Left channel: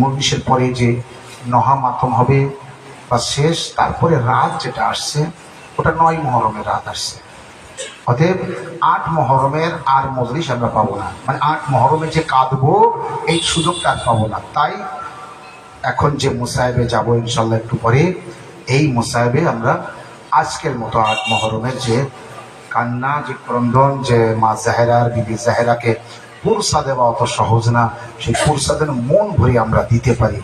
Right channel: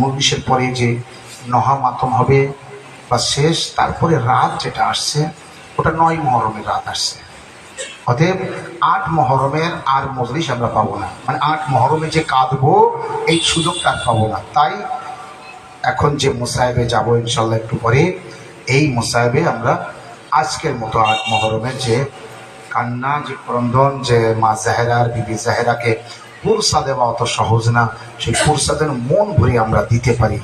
মজলিসের পরে যে নহা মাতম হবে বা শেষ, তারপরে রাত যেটা আসছে ওটা 9 মহরমের রাত আসছে। অতএব 8 মহরমের আর মজলিস আমরা পাবো না, মানে 8 মহরমে যে কাঁদবো এই সুযোগটা আর পাবো না। তাই এখন যে মুসাহেবে যাবো ইনশাল্লাহ একটু পরে, এই মুসাহেবে আমরা আজকের মতো 8 মহরমের যে কান্না, যে ক্রন্দন, যে মা জাহেরার, বিবি জাহেরাকে পুরসা দেওয়া অত সহজ না, সেই পুরসাদের মন ভরে আমরা দিতে পারি।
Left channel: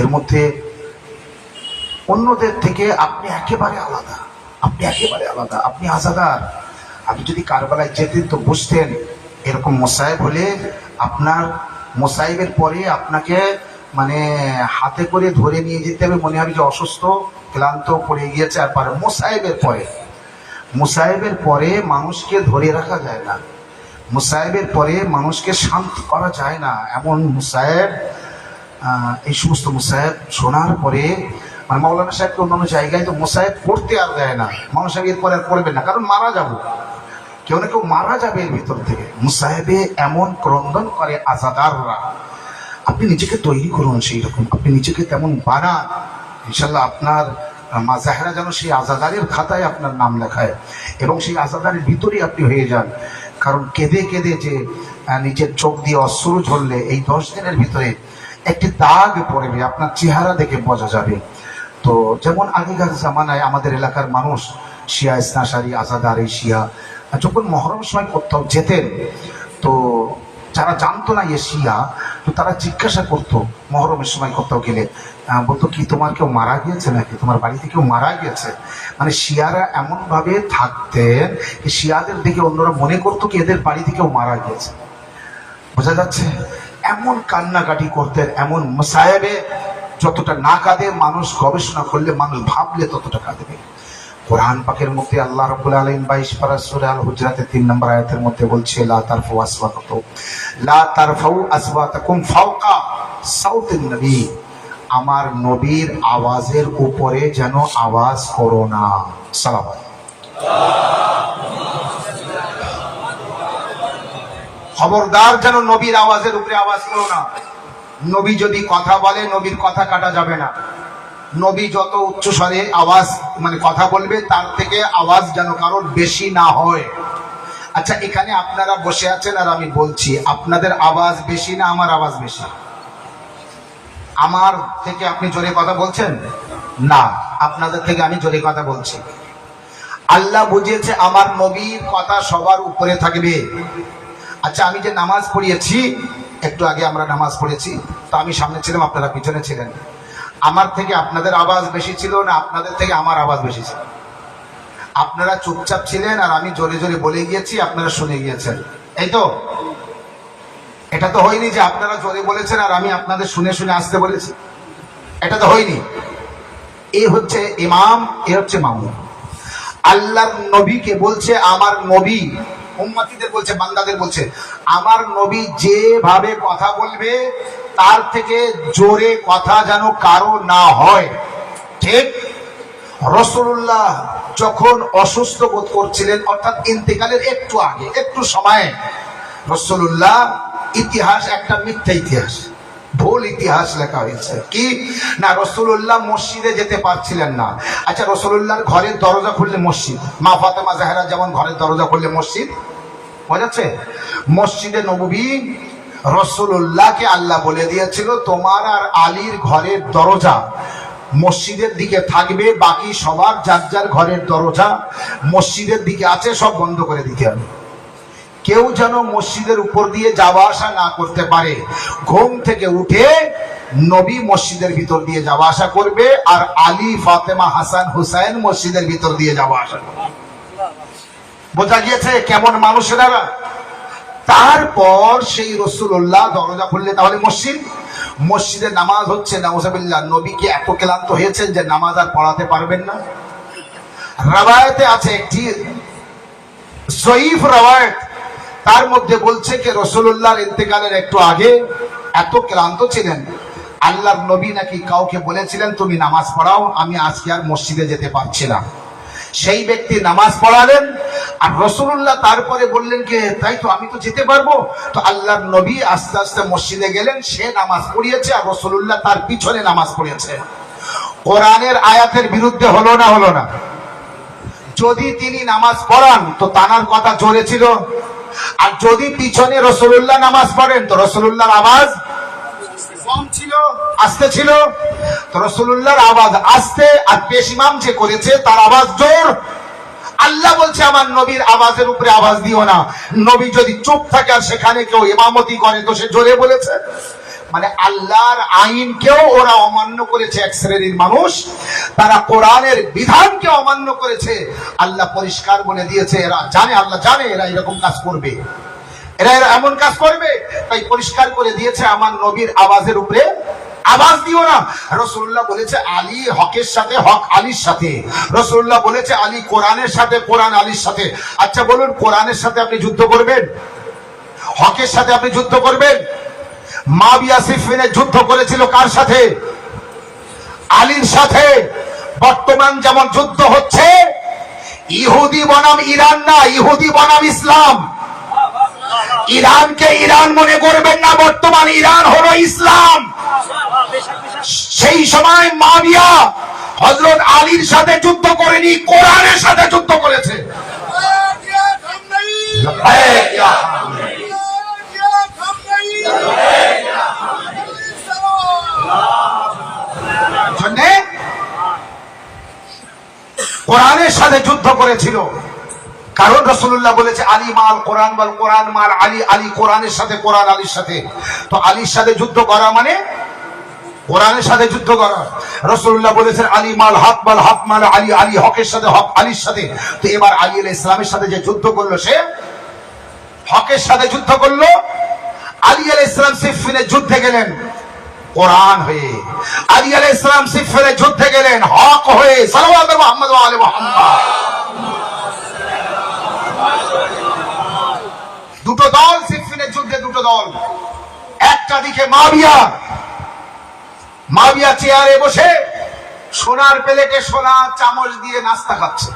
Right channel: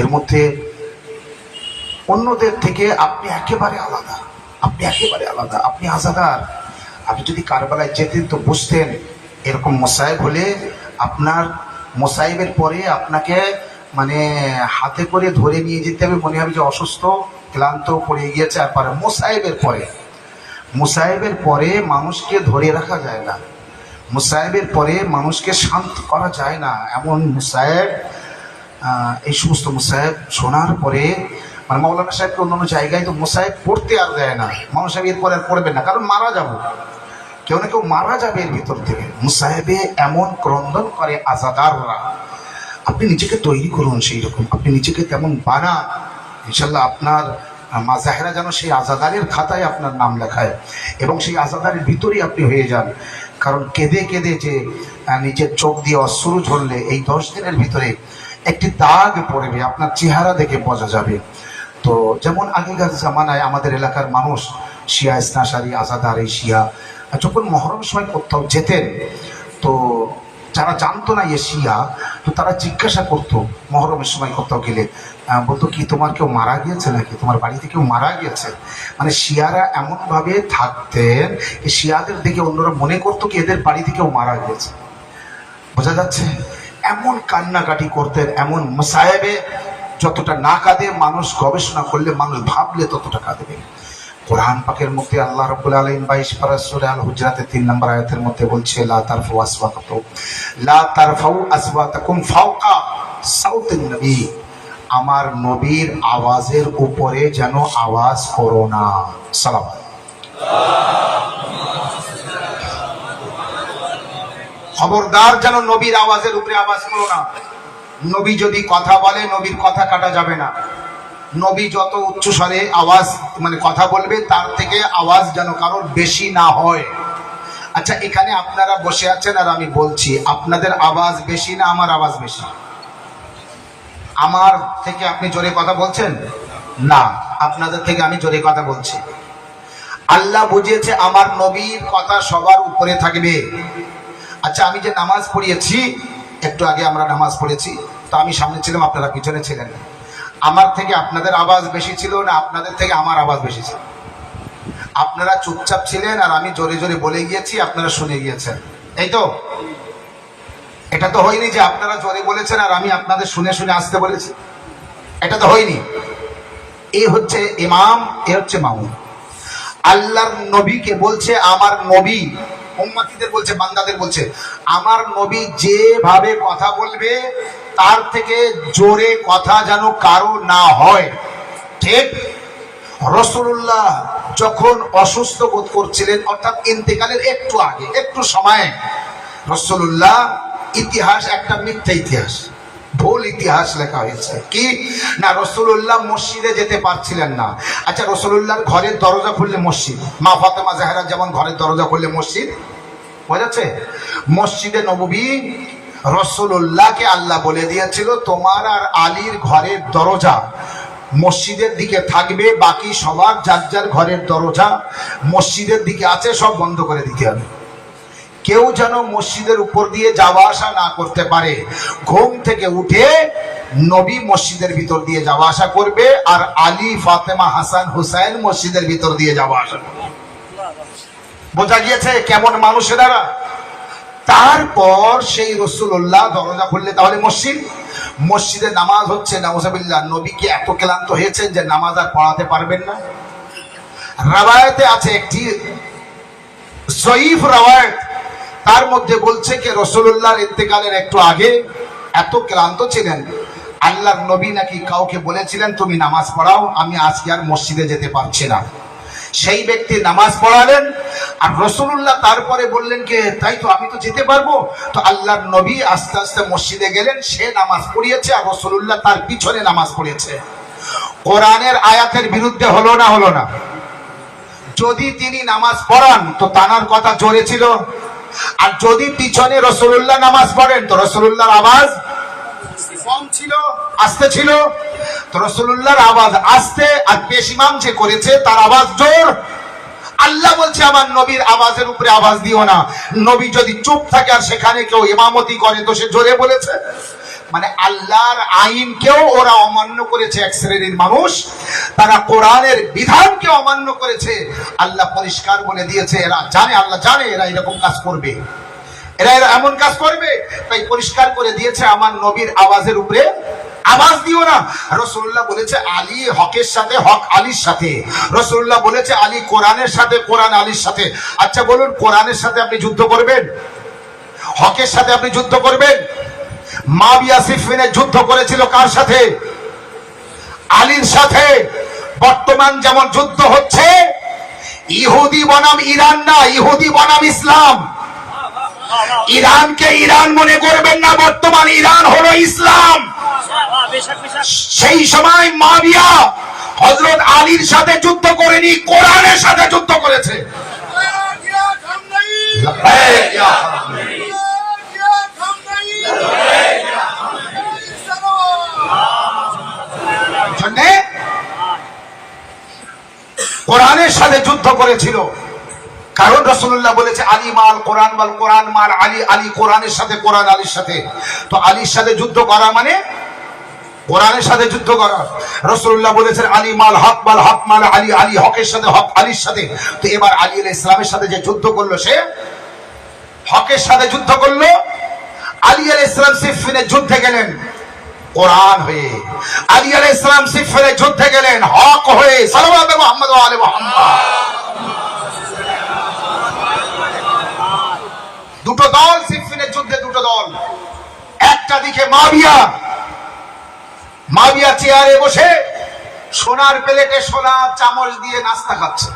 এর মধ্যে অন্যদের থেকে আপনি একেবারে আলাদা, আপনি একেবারে আলাদা, আপনি আজাদার। আপনি যদি কারবালায় যেতেন তো বুঝতেন এরকম মোসাহেব হলে আপনার মোসাহেবের পরে আপনাকে মানে হাতে করে ধরে নিয়ে যেতে হবে, মনে হবে যে অসুস্থ ক্লান্ত পড়ে গিয়েছে। আর পরে মুসাহেবের পরে মানুষকে ধরে রাখা যায় না, মুসাহেবের পরে মানুষকে শান্ত করা যায় না। এমন মুসাহেব, এই সমস্ত মুসাহেব শোনার পরে মানে মাওলানা সাহেবকে অন্যান্য জায়গায় তো মুসাহেব পড়তে আর দেয় না, মানুষ এরপরে আর পড়বে না, কারণ মারা যাব, কেউ না কেউ মারা যাবে এর ভিতর থেকে। মুসাহেবে এমন ক্রন্দন করে আজাদাররা, আপনি নিজেকে তৈরি করুন সেই রকম, আপনি নিজেকে তেমন বানান, ইনশাল্লাহ আপনার মা জাহেরা যেন সেই আজাদারের খাতায় আপনার নাম লেখায় এবং সেই আজাদারের ভিতরেই আপনি হয়ে যান। কারণ কেঁদে কেঁদে যে নিজের চোখ দিয়ে অশ্রু ঝরলে এই 10 দিনের ভিতরে একটি দাগ পড়বে, আপনার চেহারা দেখে বোঝা যাবে। তো যেমন আগেকার জামানায় আমাদের এলাকার মানুষ শিয়া ইসনাশারি আজাদার এই শিয়া যখন মহরমের সময় কোথাও যেতেন, তো যারা জানতো না এ শিয়া, তো তারা জিজ্ঞাসা করতো মহরমের সময় কোথাও গেলে, বলতো কি তোমার কেউ মারা গিয়েছে নাকি, তোমার বাড়িতে কেউ মারা গিয়েছে। মানে শিয়ারা এমনভাবে থাকতেন শিয়াদের দিকে অন্যরা মনে করতো কি এদের বাড়িতে কেউ মারা গিয়েছে। বোঝা যাচ্ছে, এমন কান্নাকাটি করতেন। এমন মুসাহেবে যতটা না কাঁদে মানুষ, গবেষণা করলে মানুষ ভাবলে ততটা কাঁদবে। কোরআন পাকের মধ্যে আল্লাহ রাব্বুল আলামিন 22 পারা সূরা আল হুজরাতের 3 নম্বর আয়াতের মধ্যে বলছে লা তারফাউ আসওয়াতাকুম ফাওকা সাউতিন নবী, আমার নবীর আওয়াজের উপরে যেন আওয়াজ করো না। সালাম। খবরদার যেন নবীর আওয়াজের উপরে আওয়াজ করো না। নবী যদি কথা বলে নবীর কথা কাটা যাবে না। নবী যত উচ্চ স্বরে আওয়াজ মানে কথা বলবে তার থেকে আওয়াজ যেন কারোর বেশি না হয়। আচ্ছা, এখানে আপনারা বসে আছেন আর আমি বলছি, আপনাদের আওয়াজ বেশি না আমার আওয়াজ বেশি? আমার থেকে আপনি জোরে কথা বলছেন না, আপনাদের থেকে আমি জোরে কথা বলছি। আল্লাহ বুঝিয়েছে আমার নবীর কথা সবার উপরে থাকবে। আচ্ছা, আমি যে নামাজ পড়িয়েছি, একটু আগে আমরা নামাজ পড়েছি, তো আমি সামনে ছিলাম, আপনারা পিছনে ছিলেন। আমার থেকে আপনাদের আওয়াজ বেশি ছিল না আপনাদের থেকে আমার আওয়াজ বেশি ছিল? আপনারা চুপচাপ ছিলেন আর আমি জোরে জোরে বলে গিয়েছি, আপনারা শুনে গিয়েছেন, এই তো? এটা তো হয়নি যে আপনারা জোরে বলেছেন আর আমি আপনাদের শুনে শুনে আসতে বলেছি, এটা তো হয়নি। এ হচ্ছে ইমাম, এ হচ্ছে মামুম। আল্লাহর নবীকে বলছে আমার নবী, উম্মতিদের বলছে, বান্দাদের বলছে আমার নবী যেভাবে কথা বলবে তার থেকে জোরে কথা যেন কারো না হয়, ঠিক? রাসূলুল্লাহ যখন অসুস্থ বোধ করছিলেন, অর্থাৎ ইন্তেকালের একটু আগে, একটু সময়ে, রাসূলুল্লাহ ইতিহাস একটা মিথ্যা ইতিহাস, ভুল ইতিহাস লেখা হয়েছে কি না, রাসূলুল্লাহ মসজিদে যেতে পারছিলেন না। আচ্ছা, রাসূলুল্লাহর ঘরের দরজা খুললে মসজিদ, মা ফাতেমা জাহরা যেমন ঘরের দরজা খুললে মসজিদ, বোঝাচ্ছে? মসজিদে নববী রাসূলুল্লাহকে আল্লাহ বলে দিয়েছিল তোমার আর আলীর ঘরের দরজা মসজিদের দিকে থাকবে, বাকি সবার যার যার ঘরের দরজা মসজিদের দিকে আছে সব বন্ধ করে দিতে হবে। কেউ যেন মসজিদের উপর দিয়ে যাওয়া আসা না করতে পারে। ঘুম থেকে উঠে নবী মসজিদের ভিতর দিয়ে যাওয়া আসা করবে আর আলী, ফাতেমা, হাসান, হুসাইন মসজিদের ভিতর দিয়ে যাওয়া আসা করবে। বোঝা গিয়েছে কেমন মানুষেরা? তারপর সেই রাসূলুল্লাহ দরজা খুললে তাহলে মসজিদে নামাজ হচ্ছে, নাউজুবিল্লাহ, নবী কি এত ক্লান্ত হয়েছেন যে নামাজ আর পড়াতে পারবেন না? রাওয়ায়াতে আছে একটি সহিহ রাওয়ায়াত, তার মধ্যে বলছে কি রাসূলুল্লাহর ইন্তেকালের একটু আগে এত ক্লান্ত ছিলেন, আল্লাহর নবী নাকি কাউকে বলেছিলেন তুমি নামাজ পড়াও, আমি আজকে আর মসজিদে যেতে পারছি না। সেই ব্যক্তি নামাজ পড়ালেন আর রাসূলুল্লাহ তারপরে বললেন কে তাই তো আমি তো যেতে পারবো। তো আল্লাহর নবী আস্তে আস্তে মসজিদে গেলেন, সে নামাজ পড়িয়েছে আর রাসূলুল্লাহ তার পিছনে নামাজ পড়িয়েছে। কোরআনের আয়াতের বিরুদ্ধে হলো না? হলো না? যদি তিনি নামাজ পড়ান তো তানার কথা জোরে ছিল, আর যদি পিছনে রাসূলুল্লাহ নামাজ পড়েন তো রাসূলুল্লাহর আওয়াজ কম ছিল, আস্তে ছিল। তো রাসূলুল্লাহর আওয়াজ আস্তে, আর পেশ ইমাম যে করেছে তার আওয়াজ জোর। আল্লাহ বলছে আমার নবীর আওয়াজের উপরে আওয়াজ দিও না। নবী যদি চুপ থাকে আর সেখানে কেউ ইমামতি করে তো সে জোরে বলেছে। মানে আল্লাহর আইনকেও ওরা অমান্য করেছে, এক শ্রেণীর মানুষ তারা কোরআনের বিধানকে অমান্য করেছে। আল্লাহ পরিষ্কার বলে দিয়েছে, এরা জানে, আল্লাহ জানে এরা এরকম কাজ করবে, এরা এমন কাজ করবে, তাই পরিষ্কার করে দিয়েছে আমার নবীর আওয়াজের উপরে আওয়াজ দিও না। রাসূলুল্লাহ বলেছে আলী হকের সাথে, হক আলীর সাথে। রাসূলুল্লাহ বলেছে আলী কোরআনের সাথে, কোরআন আলীর সাথে। আচ্ছা বলুন, কোরআনের সাথে আপনি যুদ্ধ করবেন? হকের সাথে আপনি যুদ্ধ করবেন? মাবিয়া সিফিনে যুদ্ধ করেছিল কার সাথে? আলীর সাথে। বর্তমান যেমন যুদ্ধ হচ্ছে, ইহুদি বনাম ইরান না, ইহুদি বনাম ইসলাম। ইরানকে ইরান মনে করবেন না, বর্তমান ইরান হলো ইসলাম। সেই সময় মাবিয়া হযরত আলীর সাথে যুদ্ধ করেনি, কোরআনের সাথে যুদ্ধ করেছে। কোরআনের সাথে যুদ্ধ করেছিল, কারণ রাসূলুল্লাহ বলেছে আলী মাল কোরআন বল কোরআন মাল আলী, আলী কোরআনের সাথে, কোরআন আলীর সাথে। তো আলীর সাথে যুদ্ধ করা মানে কোরআনের সাথে যুদ্ধ করা। রাসূলুল্লাহ বলেছেন আলী মাল হক মাল হক মাল আলী, আলী হকের সাথে, হক আলীর সাথে। তো এবার আলী আলাইহিস সালামের সাথে যে যুদ্ধ করলো সে হকের সাথে যুদ্ধ করলো। আলী আলাইহিস সালাম সিফিনে যুদ্ধে গেলেন কোরআন হয়ে, আলী আলাইহিস সালাম সিফিনে যুদ্ধে গেলেন হক হয়ে। সাল্লাল্লাহু আলাইহি মুহাম্মদ ওয়া আলি মুহাম্মদ। দুটো দল সিফিনের যুদ্ধে, দুটো দল। একটা দিকে মাবিয়া, মাবিয়া চেয়ারে বসে সোনার প্লেটে সোনার চামচ দিয়ে নাস্তা খাচ্ছে।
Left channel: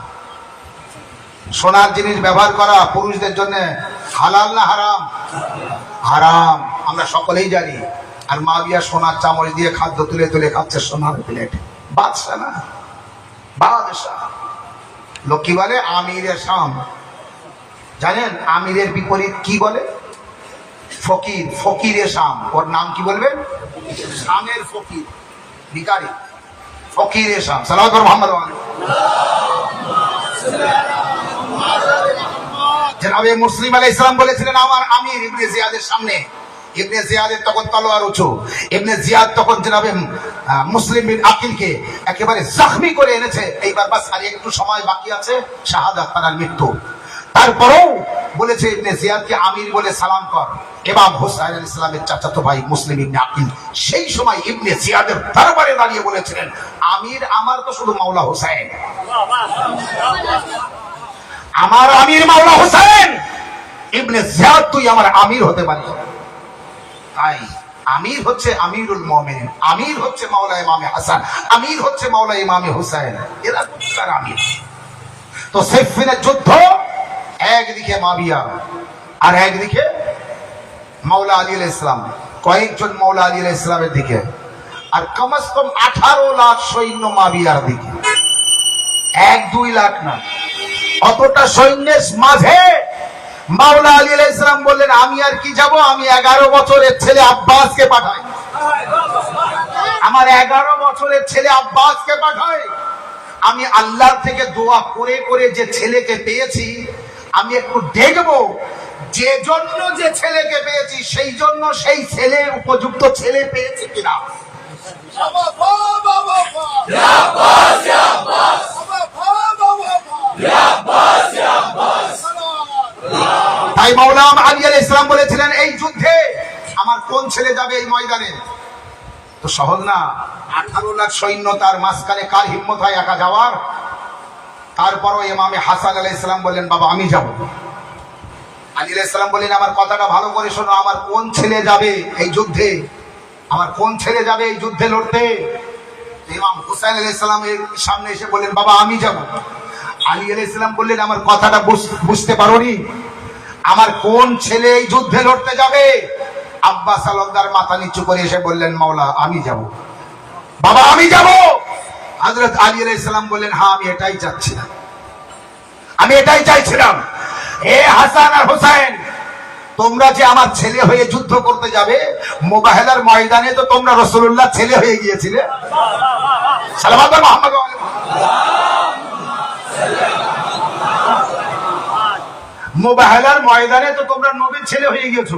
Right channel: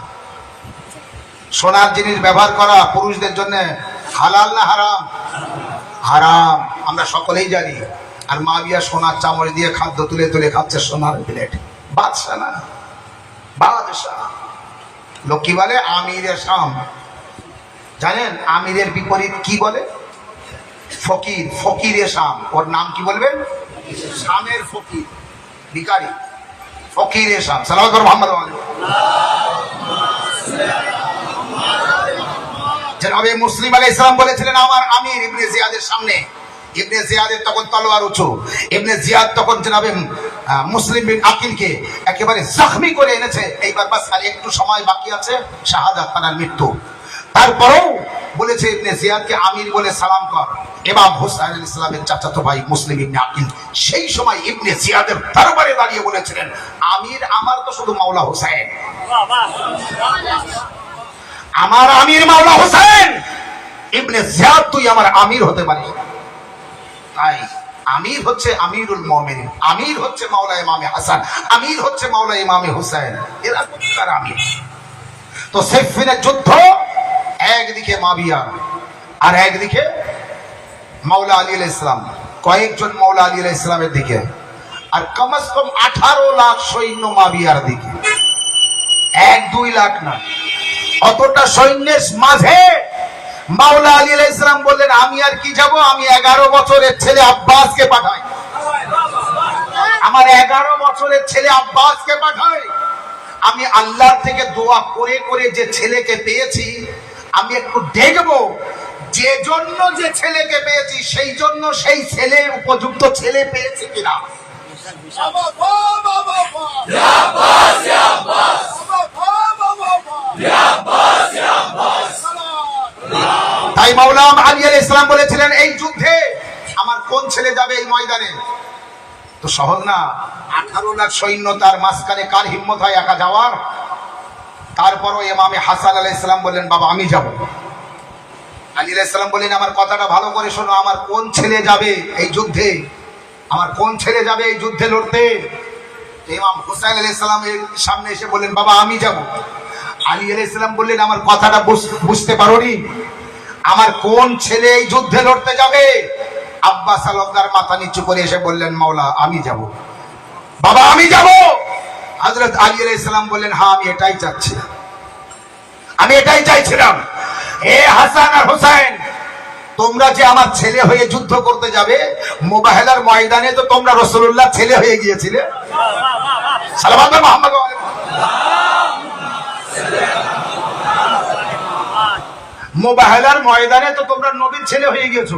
সোনার জিনিস ব্যবহার করা পুরুষদের জন্য হালাল না হারাম? হারাম, আমরা সকলেই জানি। আর মাবিয়া সোনার চামচ দিয়ে খাদ্য তুলে তুলে খাচ্ছে সোনার প্লেট। বাদশা না, বাদশা। লোক কি বলে? আমিরে শাম। জানেন আমিরের বিপরীত কি বলে? ফকির। ফকিরে শাম, ওর নাম কি বলবেন? শামের ফকির, ভিখারি, ফকিরে শাম। সাল্লাল্লাহু আলাইহি মুহাম্মদ। জনাবে মুসলিম আলাইহিস সালাম বলেছিলেন আমার আমির ইবনে জিয়াদের সামনে। ইবনে জিয়াদের তখন তলোয়ার উঁচু। ইবনে জিয়াদ তখন জনাবে মুসলিম বিন আকিলকে একেবারে জখমি করে এনেছে। এইবার বাস আর একটু সময় বাকি আছে, শাহাদাত, তার মৃত্যু। তারপরেও বলেছে ইবনে জিয়াদকে আমির বলে সালাম কর। ইমাম হুসাইন আলাইহিস সালামের চাচাতো ভাই মুসলিম ইবনে আকিল সেই সময় ইবনে জিয়াদের দরবারে দাঁড়িয়ে বলেছিলেন আমির আমার তো শুধু মাওলা হুসাইন, আমার আমির মাওলা হুসাইন। ইবনে জিয়াদ তুই আমার আমির হতে পারিস। তাই আমির হচ্ছে আমিরুল মুমিনিন, আমির হচ্ছে মাওলা ইমামে হাসান, আমির হচ্ছে মাওলা ইমামে হুসাইন। এরা তার আমির। তো সিফিনের যুদ্ধ, একদিকে মাবিয়া আর একদিকে মাওলা আলী আলাইহিস সালাম, কয়েকজন মাওলা আলী আলাইহিস সালামের দিকে, আর কমস কম 18 লাখ সৈন্য মাবিয়ার দিকে। 1-2 লাখ না, অতটা সৈন্যের মাঝে মাওলা আলী আলাইহিস সালাম বললেন আমি আর কি যাব, আমি 11 বছরের ছেলে আব্বাসকে পাঠাই, আমার 11 বছরের ছেলে আব্বাসকে পাঠাই। আমি আল্লাহর থেকে দোয়া করে করে যে ছেলেকে পেয়েছি, আমি একটু দেখবো যে জন্য যে ছেলেকে পেয়েছি সেই জন্য সেই ছেলে উপযুক্ত ছেলে পেয়েছে কিনা। তাই মাওলা আলী আলাইহিস সালাম বলেছিলেন এই যুদ্ধে আমার কোন ছেলে যাবে এই ময়দানে? তো সহজ না, 18 লাখ সৈন্য, তার মাঝখানে কার হিম্মত হয় একা যাওয়ার? তারপরও ইমামে হাসান আলাইহিস সালাম বললেন বাবা আমি যাব। আলী আলাইহিস সালাম বললেন আমার কথাটা ভালো করে শোনো, আমার কোন ছেলে যাবে এই যুদ্ধে, আমার কোন ছেলে যাবে এই যুদ্ধে লড়তে? ইমাম হুসাইন আলাইহিস সালাম এর সামনে এসে বললেন বাবা আমি যাব। আলী আলাইহিস সালাম বললেন, আমার কথাটা বুঝতে পারোনি? আমার কোন ছেলে এই যুদ্ধে লড়তে যাবে? আব্বাস আলমদার মাথা নিচু করে এসে বললেন, মাওলা আমি যাব, বাবা আমি যাব। হযরত আলী আলাইহিস সালাম বললেন, হ্যাঁ আমি এটাই চাচ্ছিলাম, আমি এটাই চাইছিলাম। হে হাসান আর হোসেন, তোমরা যে আমার ছেলে হয়ে যুদ্ধ করতে যাবে, মুবাহলার ময়দানে তো তোমরা রাসূলুল্লাহ ছেলে হয়ে গিয়েছিলে। সাল্লাল্লাহু আলাইহি মুহাম্মদ ওয়া মুবাহলার ময়দানে তো তোমরা নবীর ছেলে হয়ে গিয়েছো,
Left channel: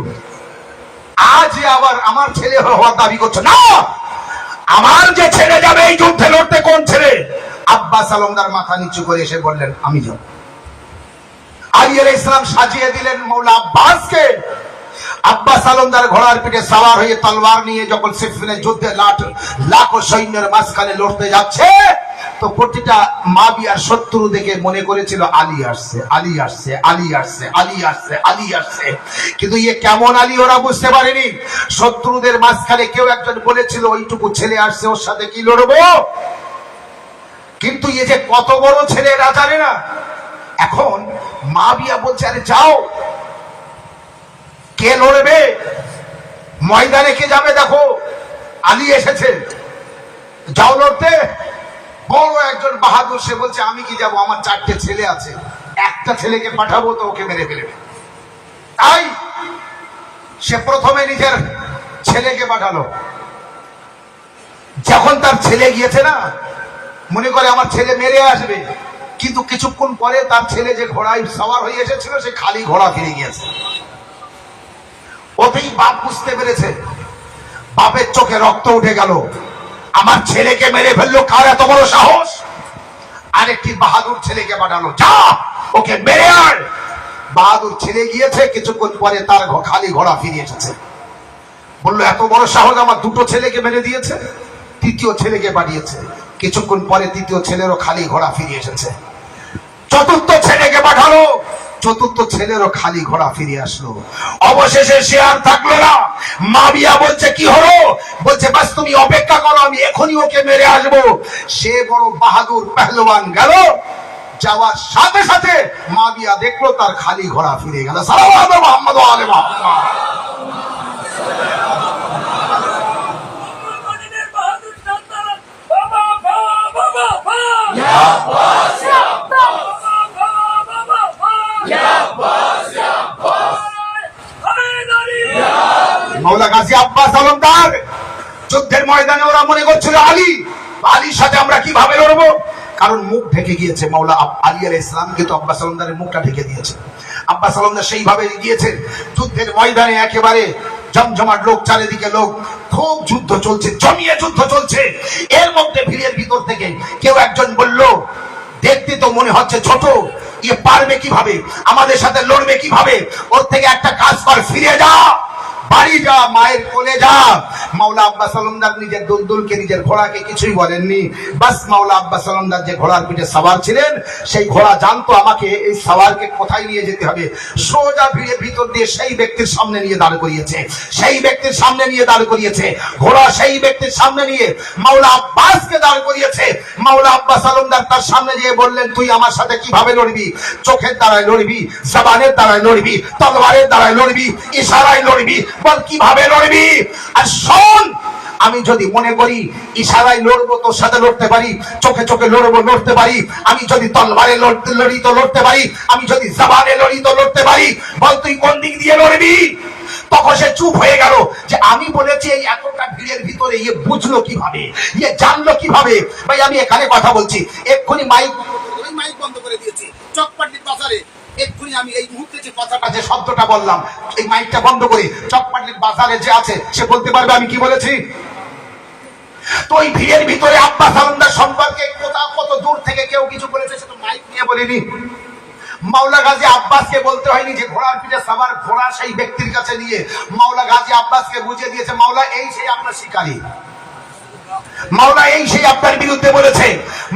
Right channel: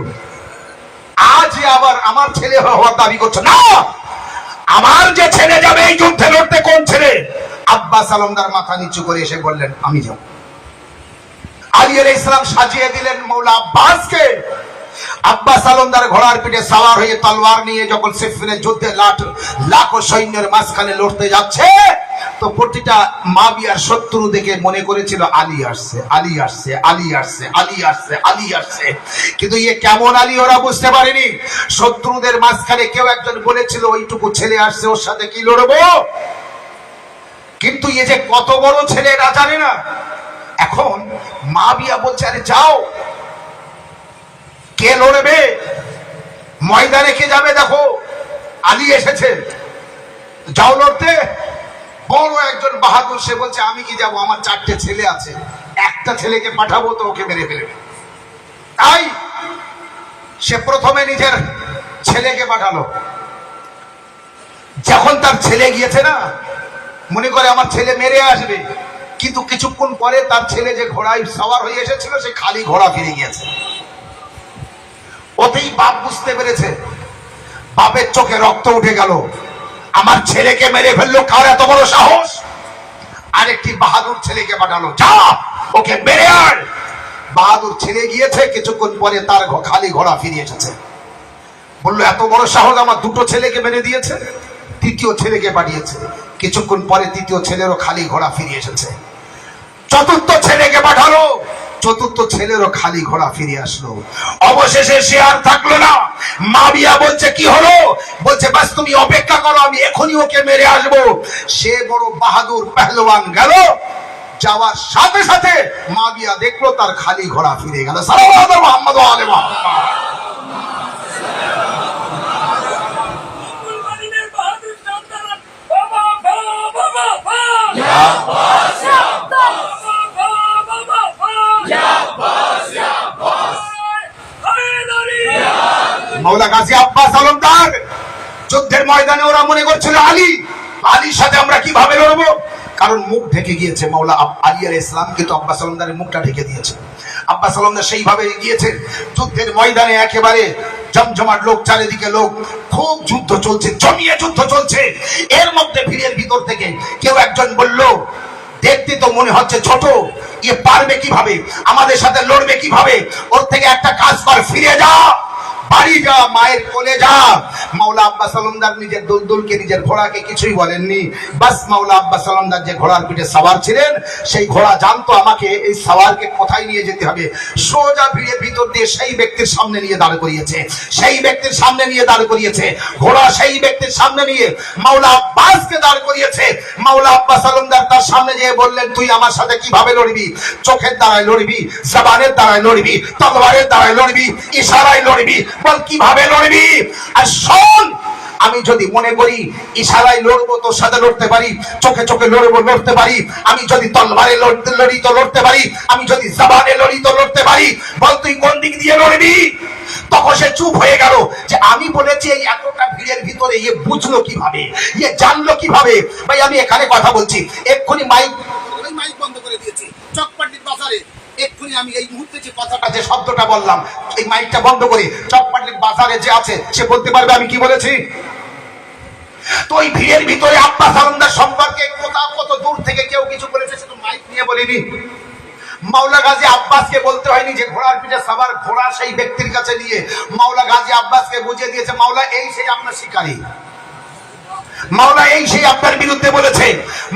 আজ আবার আমার ছেলে হওয়ার দাবি করছো না। আমার যে ছেলে যাবে এই যুদ্ধে লড়তে, কোন ছেলে? আব্বাস আলমদার মাথা নিচু করে এসে বললেন, আমি যাব। আলী আলাইহিস সালাম সাজিয়ে দিলেন মৌলা আব্বাসকে। আব্বাস আলমদার ঘোড়ার পিঠে সাওয়ার হয়ে তলোয়ার নিয়ে যখন সিফিনের যুদ্ধে লাখো সৈন্যের মাঝখানে লড়তে যাচ্ছে, তো প্রতিটা মাবিয়ার শত্রু দেখে মনে করেছিল আলী আসছে, আলী আসছে, আলী আসছে, আলী আসছে, আলী আসছে। কিন্তু ইয়ে কেমন আলী ওরা বুঝতে পারেনি। শত্রুদের মাঝখানে কেউ একজন বলেছিল, ওইটুকু ছেলে আসছে, ওর সাথে কি লড়বো? কিন্তু ইয়ে যে কত বড় ছেলে এরা জানে না। এখন মাবিয়া বলছে, আরে যাও, কে লড়বে? ময়দানে কে যাবে? দেখো আলী এসেছে, যাও লড়তে। বড় একজন বাহাদুর, সে বলছে, আমি কি যাব, আমার 4টে ছেলে আছে, একটা ছেলেকে পাঠাবো তো ওকে মেরে ফেলবে। তাই সে প্রথমে নিজের ছেলেকে পাঠালো। যখন তার ছেলে গিয়েছে না, মনে করে আমার ছেলে মেরে আসবে, কিন্তু কিছুক্ষণ পরে তার ছেলে যে ঘোড়ায় সওয়ার হয়ে এসেছিল, সে খালি ঘোড়া ফিরে গিয়েছে। ওতেই বাপ বুঝতে পেরেছে, বাপের চোখে রক্ত উঠে গেল, আমার ছেলেকে মেরে ফেললো, কার এত বড় সাহস? আরেকটি বাহাদুর ছেলেকে পাঠালো, যা ওকে মেরে আয়। বাহাদুর ছেলে গিয়েছে, কিছুক্ষণ পরে তার খালি ঘোড়া ফিরে এসেছে। বললো, এত বড় সাহস, আমার 2টো ছেলেকে মেরে দিয়েছে। তৃতীয় ছেলেকে পাঠিয়েছে, কিছুক্ষণ পরে তৃতীয় ছেলেরও খালি ঘোড়া ফিরে এসেছে। চতুর্থ ছেলেকে পাঠালো, চতুর্থ ছেলেরও খালি ঘোড়া ফিরে আসলো। অবশেষে সে আর থাকলো না। মাবিয়া বলছে, কি হলো? বলছে, বাস তুমি অপেক্ষা করো, আমি এখনই ওকে মেরে আসবো। সে বড় বাহাদুর পেহলওয়ান গেল, যাওয়ার সাথে সাথে মাবিয়া দেখলো তার খালি ঘোড়া ফিরে গেল। সাল্লাল্লাহু আলাইহি মুহাম্মদ ওয়া আলি মুহাম্মদ। মাওলা গাজী আব্বাস আলমদার যুদ্ধের ময়দানে ওরা মনে করছিল আলীর সাথে আমরা কিভাবে লড়বো, কারণ মুখ ঢেকে গিয়েছে। মাওলা আলী আলাইহিস সালাম কিন্তু আব্বাস আলমদারের মুখটা ঢেকে দিয়েছে। আব্বাস আলমদার সেইভাবে গিয়েছে যুদ্ধের ময়দানে, একেবারে জমজমাট লোক, চারিদিকে লোক, খুব যুদ্ধ চলছে, জমিয়ে যুদ্ধ চলছে। এর মধ্যে ভিড়ের ভিতর থেকে কেউ একজন বলল, দেখতে তো মনে হচ্ছে ছোট, ইয়ে পারবে কিভাবে, আমাদের সাথে লড়বে কিভাবে? ওর থেকে একটা কাজ কর, ফিরে যা, বাড়ি যা, মায়ের কোলে যা। মাওলা আব্বাস আলমদার নিজের দুলদুলকে, নিজের ঘোড়াকে কিছুই বলেননি। বাস মাওলা আব্বাস আলমদার যে ঘোড়ার পিঠে সাওয়ার ছিলেন, সেই ঘোড়া জানতো আমাকে এই সাওয়ারকে কোথায় নিয়ে যেতে হবে। সোজা ভিড়ের ভিতর দিয়ে সেই ব্যক্তির সামনে নিয়ে দাঁড় করিয়েছে, সেই ব্যক্তির সামনে নিয়ে দাঁড় করিয়েছে। ঘোড়া সেই ব্যক্তির সামনে নিয়ে মাওলা আব্বাসকে দাঁড় করিয়েছে। মাওলা আব্বাস আলমদার তার সামনে গিয়ে বললেন, তুই আমার সাথে কিভাবে লড়বি? চোখের দ্বারায় লড়বি, জবানের দ্বারায় লড়বি, তলোয়ারের দ্বারায় লড়বি, ইশারায় লড়বি, বল কিভাবে লড়বি? আর শোন, আমি যদি মনে করি ইশারায় লড়বো তোর সাথে লড়তে পারি, চোখে চোখে লড়বো লড়তে পারি, আমি যদি তলবারে লড়ি তো লড়তে পারি, আমি যদি জবানে লড়ি তো লড়তে পারি, বল তুই কোন দিক দিয়ে লড়বি? তখন সে চুপ হয়ে গেল যে আমি বলেছি এই এতটা ভিড়ের ভিতরে ইয়ে বুঝলো কিভাবে, ইয়ে জানলো কিভাবে? ভাই আমি এখানে কথা বলছি, এক্ষুনি মাইক বন্ধ করে দিয়েছি চকপাটির বাজারে। এক্ষুনি আমি এই মুহূর্তে যে কথাটা, যে শব্দটা বললাম, এই মাইকটা বন্ধ করে চকপাটির বাজারে যে আছে সে বলতে পারবে আমি কি বলেছি। তো এই ভিড়ের ভিতরে আব্বাস আলমদার সম্পর্কে কত দূর থেকে কেউ কিছু বলেছে, সে তো মাইক নিয়ে বলিনি। মাওলা গাজী আব্বাসকে বলতে হয়নি যে ঘোড়ার পিঠে সাওয়ার, ঘোড়া সেই ব্যক্তির কাছে নিয়ে মাওলা গাজী আব্বাসকে বুঝিয়ে দিয়েছে, মাওলা এই সেই আপনার শিকারী, মাওলা এই সেই আপনার বিরুদ্ধে বলেছে।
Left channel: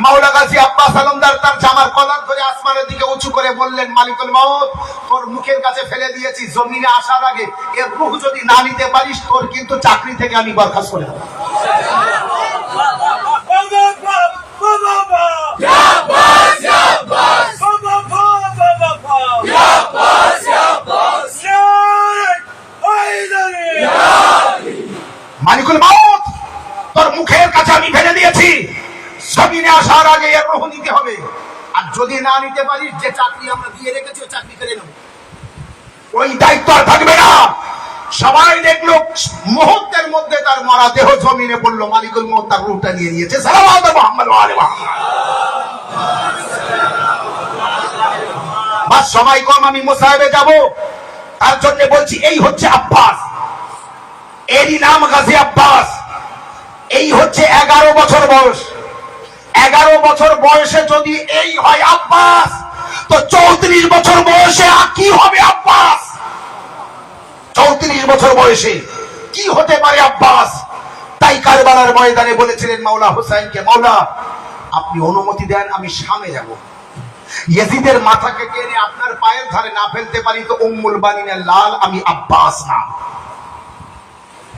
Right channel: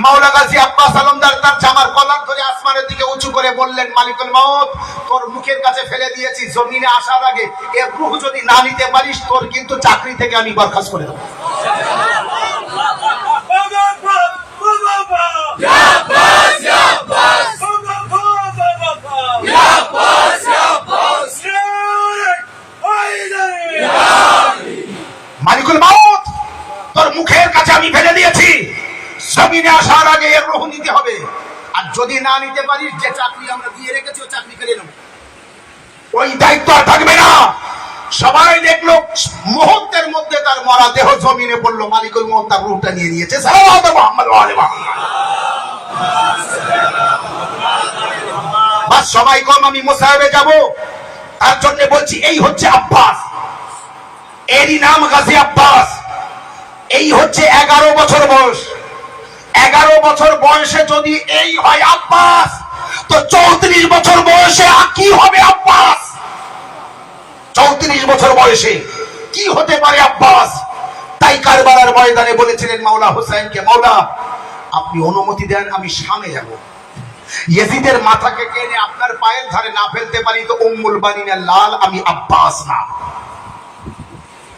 মাওলা গাজী আব্বাস আলমদার তার জামার কলার ধরে আসমানের দিকে উঁচু করে বললেন, মালিকুল মউত, তোর মুখের কাছে ফেলে দিয়েছি, জমিনে আসার আগে এর রূহ যদি না নিতে পারিস, তোর কিন্তু চাকরি থেকে আমি বরখাস্ত করে দেব। তোর মুখের কাছে আমি ফেলে দিয়েছি, জমিনে আসার আগে এর রোহ নিতে হবে। আর যদি না নিতে পারিস, যে চাকরি আমরা দিয়ে রেখেছি ও চাকরি কেড়ে নেব, ওই দায়িত্ব আর থাকবে না। সবাই দেখলো মুহূর্তের মধ্যে তার মরা দেহ জমিনে পড়লো, মালিকুল মউত তার রূহটা নিয়ে নিয়েছে। সালাওয়াত মুহাম্মদ ওয়া আলি বাস সবাই কম, আমি মুসাহিবে যাব, তার জন্য বলছি এই হচ্ছে আব্বাস, এরই নাম গাজী আব্বাস। এই হচ্ছে 11 বছর বয়স। 11 বছর বয়সে যদি এই হয় আব্বাস, তো 34 বছর বয়সে কি হবে আব্বাস? 34 বছর বয়সে কি হতে পারে আব্বাস? তাই কারবালার ময়দানে বলেছিলেন মাওলা হুসাইনকে, মাওলা আপনি অনুমতি দেন, আমি শামে যাব। ইয়াজিদের মাথাকে টেনে আপনার পায়ের ধারে না ফেলতে পারি তো উম্মুল বানিনের লাল আমি আব্বাস নাম।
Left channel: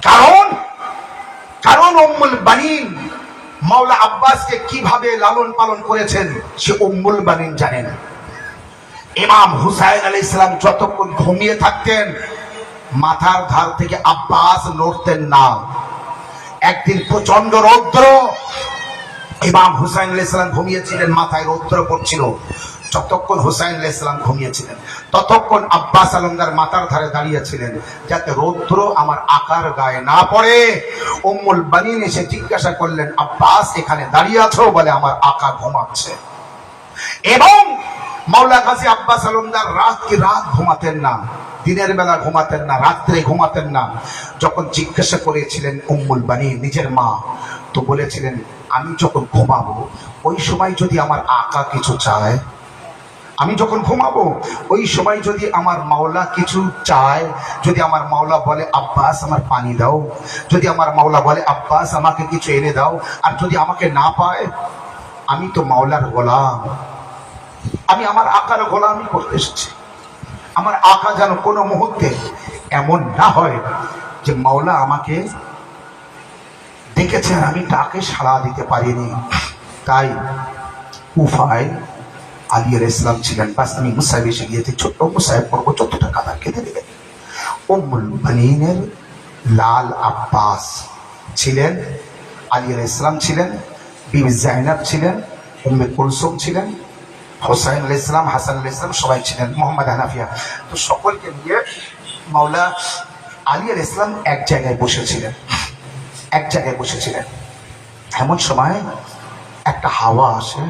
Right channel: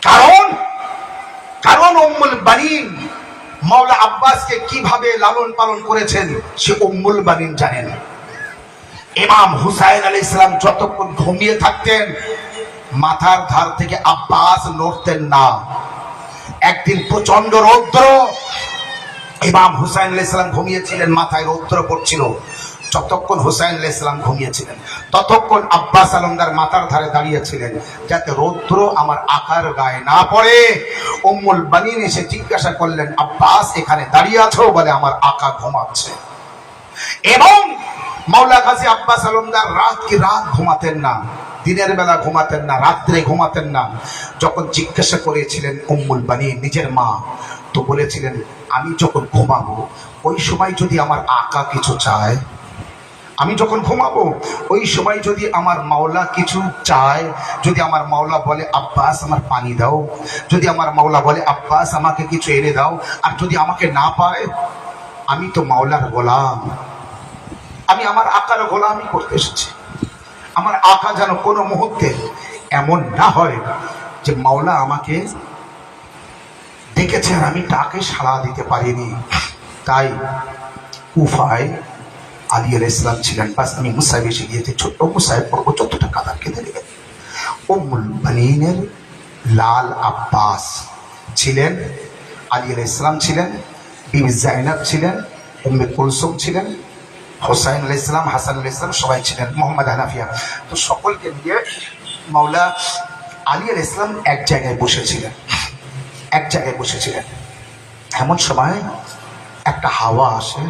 কারণ উম্মুল বানিন মাওলা আব্বাসকে কিভাবে লালন পালন করেছেন সে উম্মুল বানিন জানেন। ইমাম হুসাইন আলাইহিস সালাম যতক্ষণ ঘুমিয়ে থাকতেন, মাথার ধার থেকে আব্বাস নড়তেন না। একদিন প্রচন্ড রৌদ্র, ইমাম হুসাইন আলাইহিস সালাম ঘুমিয়েছিলেন, মাথায় রৌদ্র পড়ছিল। যতক্ষণ হুসাইন আলাইহিস সালাম ঘুমিয়েছিলেন, ততক্ষণ আব্বাস আলমদার মাথার ধারে দাঁড়িয়েছিলেন, যাতে রৌদ্র আমার আকার গায়ে না পড়ে। উম্মুল বানিন এসে জিজ্ঞাসা করলেন, আব্বাস এখানে দাঁড়িয়ে আছো? বলে আমার আকা ঘুমাচ্ছে। এবং মাওলা গাজী আব্বাস আলমদার রাত ঘুমাতেন না, দিনের বেলা ঘুমাতেন না, রাত্রে ঘুমাতেন না। যখন জিজ্ঞাসা করেছিলেন উম্মুল বানিন নিজের মা, তো বলেছিলেন আমি যখন ঘুমাবো ওই সময় যদি আমার আকা কিছু চায়, আমি যখন ঘুমাবো ওই সময় যদি আমার মাওলা কিছু চায়, যদি আমার মাওলা বলে আব্বাস আমার পানি দাও, যদি আমার মাওলা বলে আব্বাস আমাকে কিছু এনে দাও, আর যদি আমাকে না পায়, আমি তো মাওলার গোলাম, আমি আমার আকার গোলামি করতে এসেছি। আমার আকা যেন কোনো মুহূর্তে এমন না হয় যে মাওলা আমাকে দেখেছেন আমি তাকে সাড়া দিতে পারিনি। তাই কুফায় আলী আলাইহিস সালাম ছিলেন, বাস আমি মুসাইব এসে গিয়েছি, ছোট্ট মুসাইব পড়বো, যতটা কাদা কেঁদে দেবেন। উম্মুল বানিনের লাল আব্বাস ছিলেন, আলী আলাইহিস সালাম ছিলেন, বিবি জাইনাব ছিলেন, উম্মে কুলসুম ছিলেন, হুসাইন আলাইহিস সালাম, হাসান আলাইহিস সালাম সবাই ছিলেন, মোহাম্মদ হানাফিয়া। তো সকলকে নিয়ে মাওলা আলী আলাইহিস সালাম এক জায়গায় বসেছিলেন। এমন সময় একটা হাওয়া আসে,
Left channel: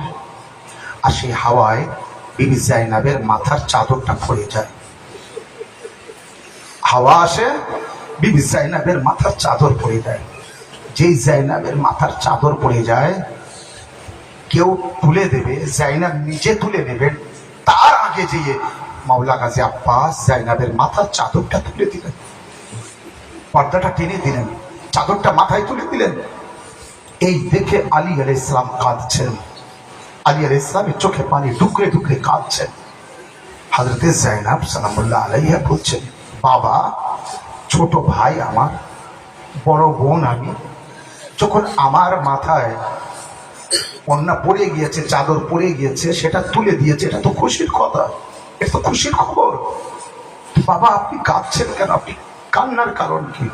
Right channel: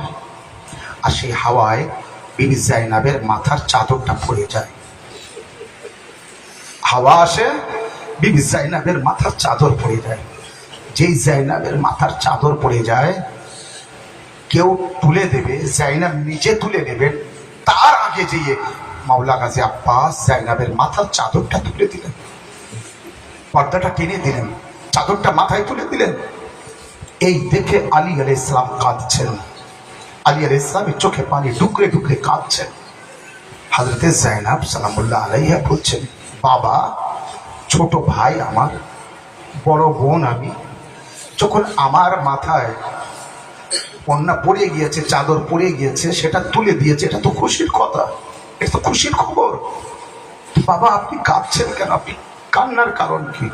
আর সেই হাওয়ায় বিবি জাইনাবের মাথার চাদরটা পড়ে যায়। হাওয়া আসে, বিবি জাইনাবের মাথার চাদর পড়ে যায়। যেই জাইনাবের মাথার চাদর পড়ে যায়, কেউ তুলে দেবে, জাইনাব নিজে তুলে নেবেন, তার আগে যেয়ে মাওলা গাজী আব্বাস জাইনাবের মাথার চাদরটা তুলে দিলেন, পর্দাটা টেনে দিলেন, চাদরটা মাথায় তুলে দিলেন। এই দেখে আলী আলাইহিস সালাম কাঁদছেন, আলী আলাইহিস সালামের চোখে পানি ঢুকরে ঢুকরে কাঁদছেন। হযরতে জাইনাব সালামুল্লাহ আলাইহা বলছেন, বাবা, ছোট ভাই আমার, বড় বোন আমি, যখন আমার মাথায় কন্যা পড়ে গিয়েছে, চাদর পড়ে গিয়েছে, সেটা তুলে দিয়েছে, এটা তো খুশির কথা, এটা তো খুশির খবর। বাবা আপনি কাঁদছেন কেন? আপনি কান্নার কারণ কি?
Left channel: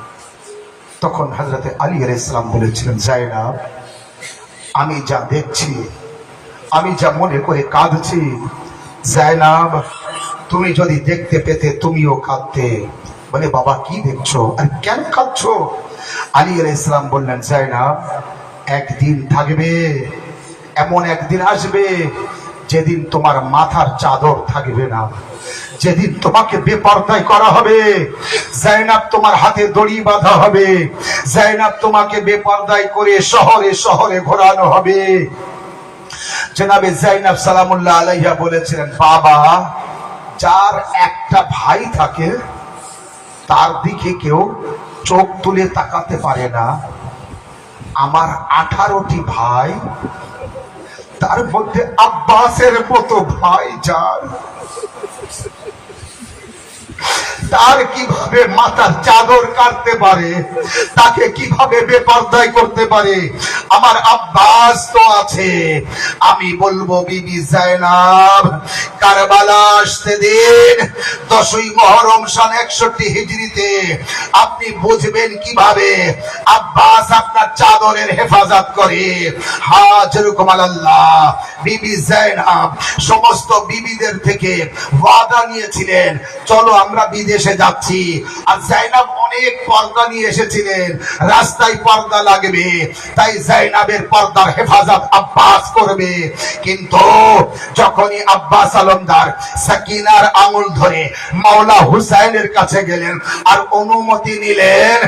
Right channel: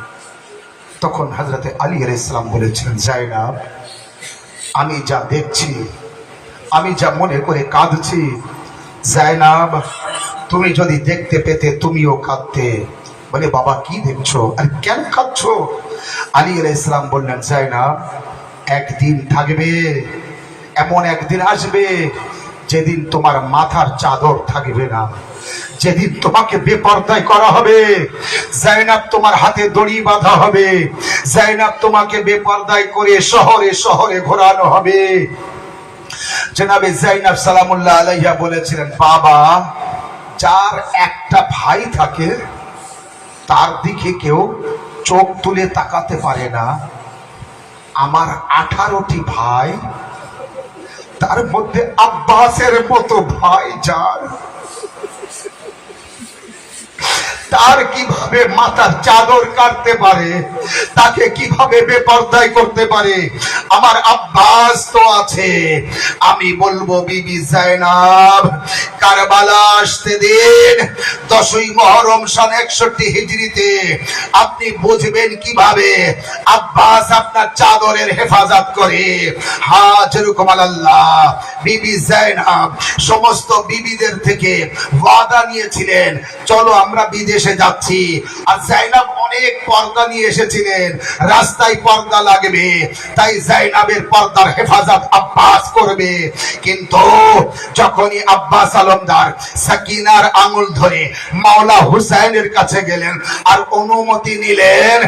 তখন হযরতে আলী আলাইহিস সালাম বলেছিলেন, জাইনাব আমি যা দেখছি, আমি যা মনে করে কাঁদছি, জাইনাব তুমি যদি দেখতে পেতে তুমিও কাঁদতে। বলে বাবা কি দেখছো, আর কেন কাঁদছো? আলী আলাইহিস সালাম বললেন, জাইনাব একদিন থাকবে, এমন একদিন আসবে যেদিন তোমার মাথার চাদর থাকবে না, যেদিন তোমাকে বেপরদায় করা হবে, জাইনাব তোমার হাতে দড়ি বাঁধা হবে, জাইনাব তোমাকে বেপরদায় করে শহরে শহরে ঘোরানো হবে। জনাবে জাইনাব সালামুল্লাহ আলাইহা বলেছিলেন, বাবা যার একটা ভাই থাকে তার দিকে কেউ চোখ তুলে তাকাতে পারে না, আমার 18টি ভাই, তার মধ্যে আব্বাসের মতো ভাই যার, তার কিভাবে মাথার চাদর কাটতে পারে, তাকে কিভাবে বেপরদায় করতে পারে। আমার আব্বাস তো আছে। আমি বলবো বিবি জাইনাব কারবালা আসতে দিন 10ই মুহররম সন 61 হিজরিতে আপনি বুঝবেন কিভাবে আব্বাস আপনার চাদরের হেফাজত করে। হ্যাঁ, যেরকম আল্লাহ বিবি জাইনাব সমস্ত বিবিদের থেকে ওয়াদা নিয়েছিলেন, চলো আমরা বিদেশে যাচ্ছি। আর জাইনাব অনেক পর্দা নিয়ে এসেছিলেন, রাস্তায় পর্দা লাগবে, তাই জাইনাবের পর্দার হেফাজত আব্বাস করবে। কিন্তু যখনই আব্বাস আলমদার সাকিনার আঙুল ধরে মাওলা হুসাইনের কাছে গেলেন আর অনুমতি নিলেন,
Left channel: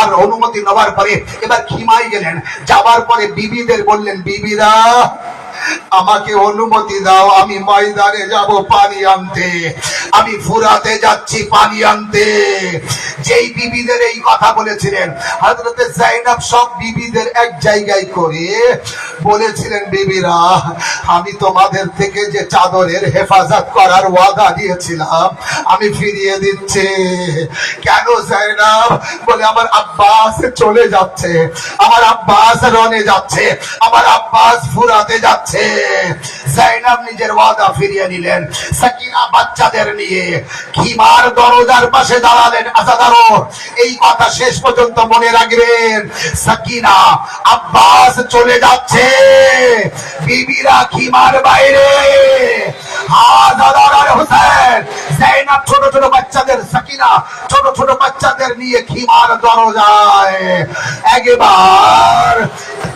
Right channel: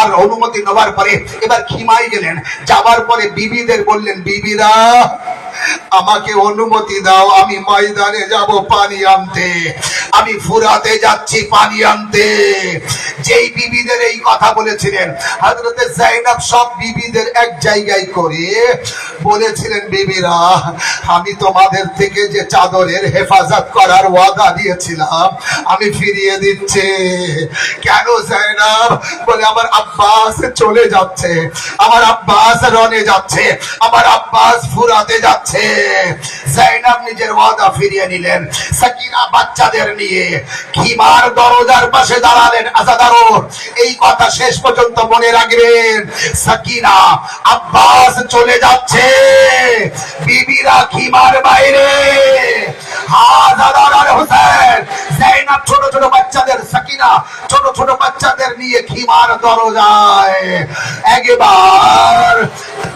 আর অনুমতি নেওয়ার পরে এবার খিমাই গেলেন। যাবার পরে বিবিদের বললেন, বিবিরা আমাকে অনুমতি দাও, আমি ময়দানে যাব পানি আনতে, আমি ফুরাতে যাচ্ছি পানি আনতে। যেই বিবিদের এই কথা বলেছিলেন হযরতে জাইনাব সব বিবিদের এক জায়গায় করে বলেছিলেন, বিবিরা আমি তোমাদের থেকে যে চাদরের হেফাজত করার ওয়াদা দিয়েছিলাম আমি ফিরিয়ে দিচ্ছি। কেন জাইনাব? বলে আমার আব্বাস চলে যাচ্ছে, আমার আব্বাস রনে যাচ্ছে, আমার আব্বাস ফুরাতে যাচ্ছে। জাইনাব নিজের ওয়াদা ফিরিয়ে নিলেন। সাকিনা বাচ্চাদের নিয়ে খিমার দরজার পাশে দাঁড়ালেন। আজাদারো এই কথা শেষ পর্যন্ত মনে রাখবেন। সাকিনা আব্বাস চলে যাচ্ছে, বিবিরা খিমার বাইরে। আজাদার আর হোসেন জাইনাব ছোট ছোট বাচ্চাদের, সাকিনা ছোট ছোট বাচ্চাদের নিয়ে খিমার দরজায় একবার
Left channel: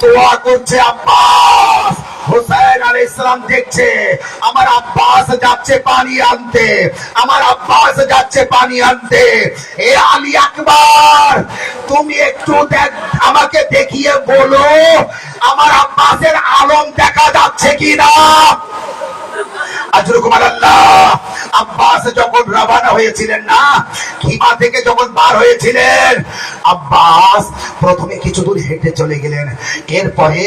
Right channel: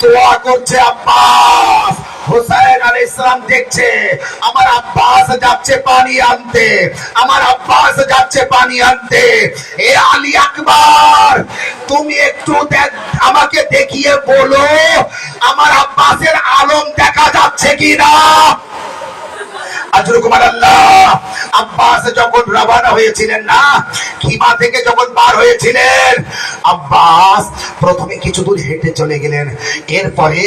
দোয়া করছে। আব্বাস হুসাইন আলাইহিস সালাম দেখছে আমার আব্বাস যাচ্ছে পানি আনতে, আমার আব্বাস যাচ্ছে পানি আনতে। এ আলী আকবর তুমি একটু আমাকে দেখিয়ে বলো আমার আব্বাসের আলম দেখা যাচ্ছে কিনা। আব্বাস যখন রওনা হয়েছিলেন না, খিমা থেকে যখন বার হয়েছিলেন, আব্বাস প্রথমে কিছু দূর হেঁটে চলে গেলেন। এরপরে